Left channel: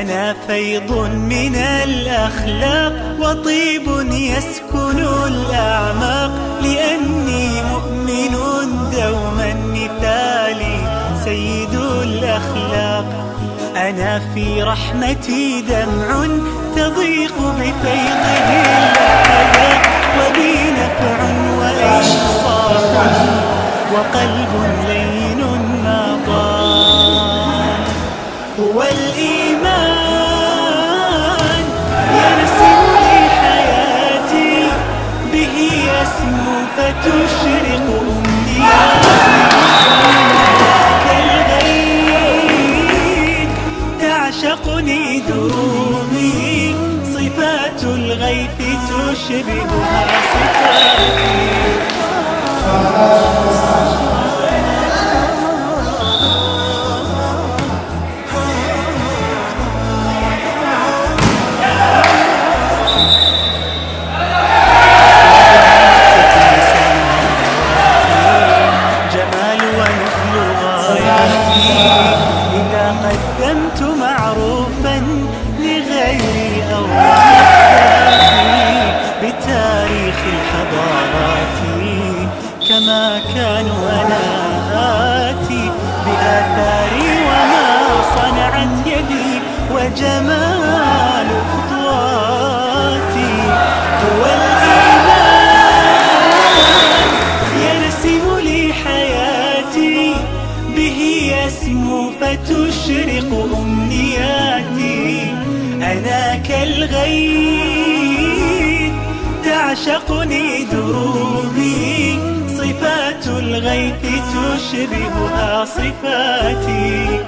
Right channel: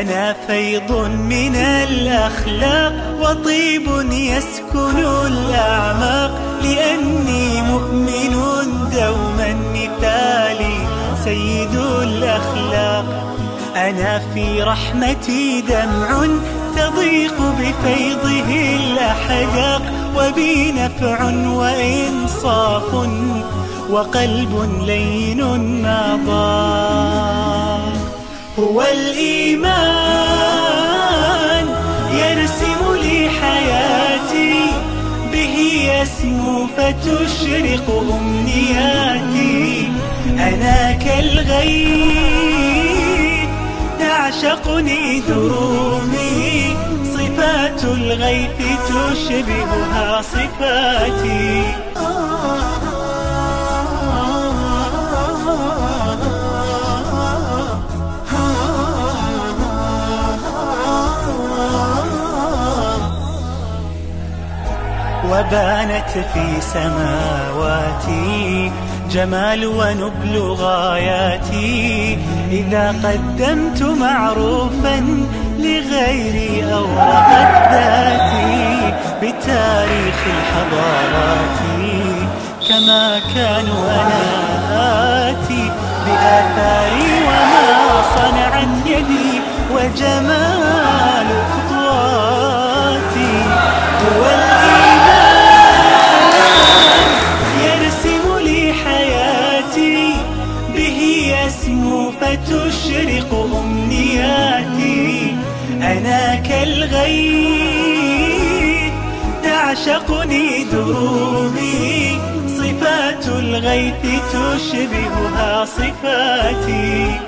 أنا فيض من الأخلاق وطيب يسكن الأعماق، لأني مؤمن دوما مثالي سيد الأخلاق. أنا في رحمتي دمع تضيق بفيضه الأحداق، وبي نفع وإنصاف وقلب لين نضاق. هو الإيمان يرسم لي حياتي، به يسمو فتشرق أمنياتي. أنا كالغيث تعشقني دروبي، صفات الغيث تشبهها صفاتي. جمال ونبل غاياتي، إذا قدمت معروفا لغيري أورقت ذاتي بتاريخ الحضارات، كما كانوا أنا آتي بآثاري وما صنعت يدي وجمال خطواتي. هو الإيمان يرسم لي حياتي، به يسمو فتشرق أمنياتي. أنا كالغيث تعشقني دروبي، صفات الغيث تشبهها صفاتي.